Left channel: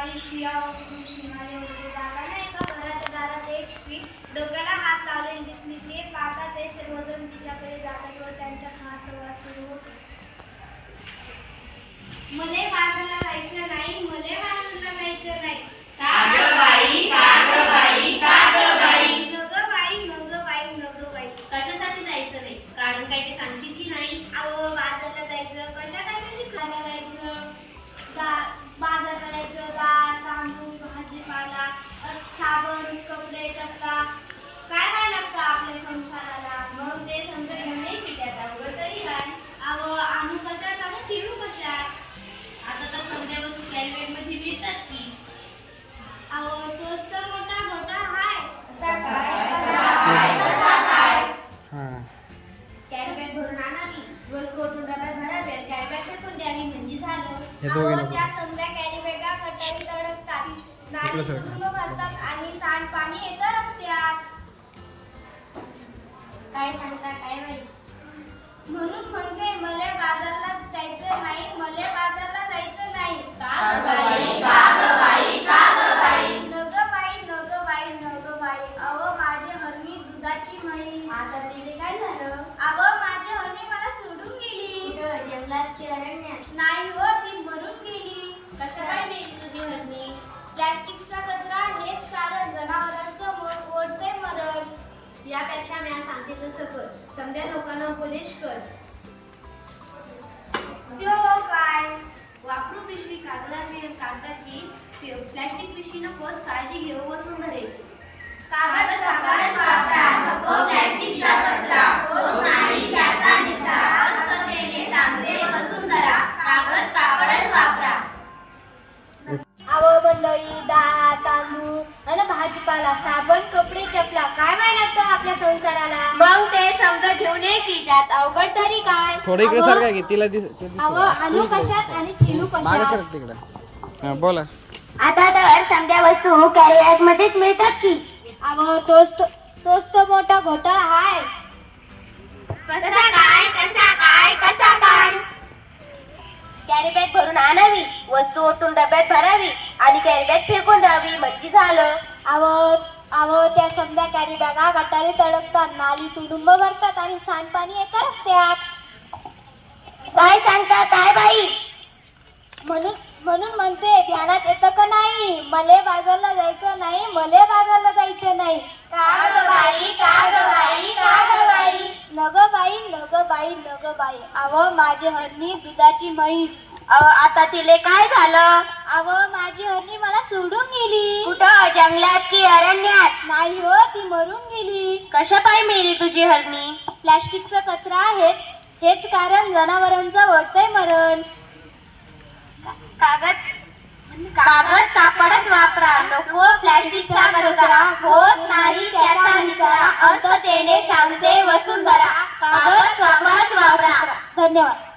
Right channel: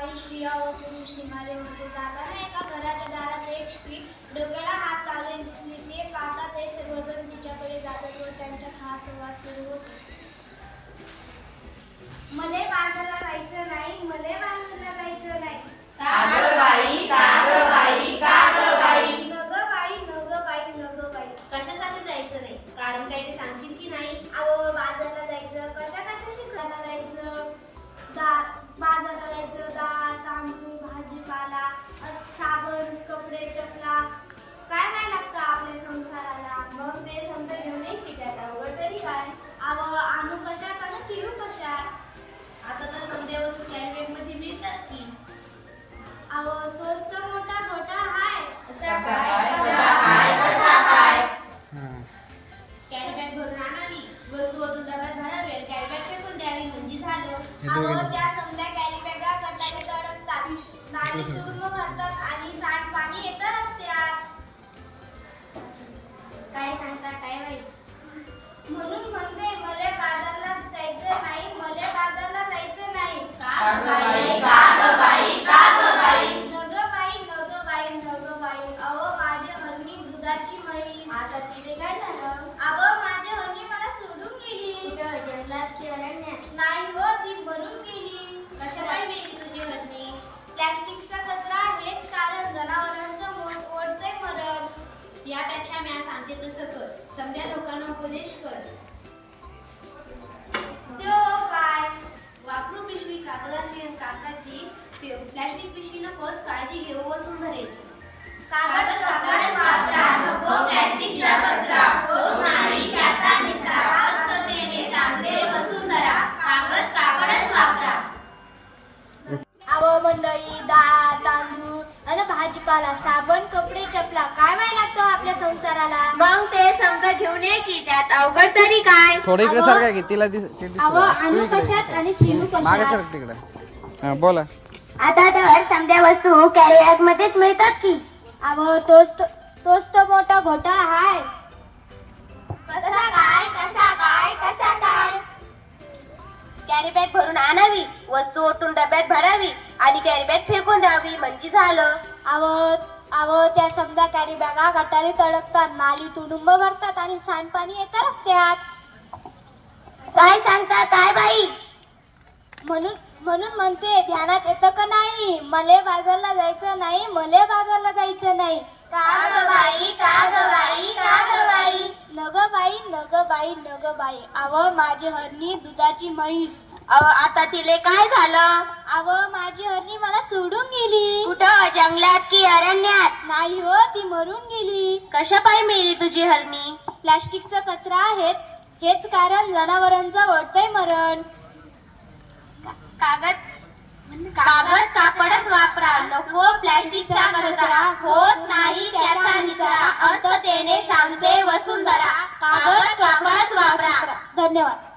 काही स्त्रिया व पुरुष निघाले होते जाताना एका घराच्या दारात एक स्त्री डोक्याला हात लावलेली दिसली. ते पाहता ते सर्वजण तिच्याकडे जातात व त्यांच्या खास सुरू होतो आणि सांडपाणी येतं रस्त्यात काय सांगता? काय माहीत? यापेक्षा म्या आज सांगते तसं कर. समजा लोकांना उपदेश कर. त्यो काय? वापरू पिशवी कागदाची कागदाची प्लॅस्टिक पिशवी नकोच काळजी घेऊ वसुंधरेची कागद कागद वापरा, नको प्लॅस्टिकचा कचरा. होत नाही. भाजीपाला साबण कपडे चपला. काय माहिती लागतं आपल्या संसाराला? मग ते समजा घेऊन ये की त्यात अवघड तरी काय? थोडं इकडे सारखा की तिला दिस ते आणू कशात मागे कशात? सरक तिकडे. हां बोला. आता तर समजा वस्तू कॅरी बॅग मध्येच मिळतात की? अहो तोच तो- तोच तो मोठा घोटाळा हाय. कसा काय? कसा काय? कसा काय? कॅरी बॅग भरून आणावी वस्तू ओतून डब्यात भरावी आणि कॅरी बॅग फेकून द्यावी म्हणजे झालं. अहो अहो त्या समजा कॅरी बॅगा गटारी तडकतात नाली तुडुंब भरतात आणि सांडपाणी येतं रस्त्यात. काय सांगता काय बाई? म्हणून म्हणून म्हणते ध्यानात येतं का नाही? मले बाजारला जायचं नाही मले बाजारला जायचं नाही. काग बाई काग बाई काग बाई? नग बाई नग बाई नग बाई. अव माझी हरणी दुधाची म्हैस. अहो, आता तिले काय झालं? अव माझी हरणी मला सोडून गेली. कुठं? जंगलात की अरण्यात? नाही हो ती मरून गेली. कशा पाय मेली तुझी हरणी? प्लॅस्टिकचा कचरा हेच हेच कारण जनावरांचं ओढतंय मरण. कागद? कागद कापडच वापरा. नको प्लॅस्टिकचा कचरा. होत नाही त्याचा निचरा. अर्थतेने सांगते वसुंधरा कागद कापडच वापरा. धन्यवाद.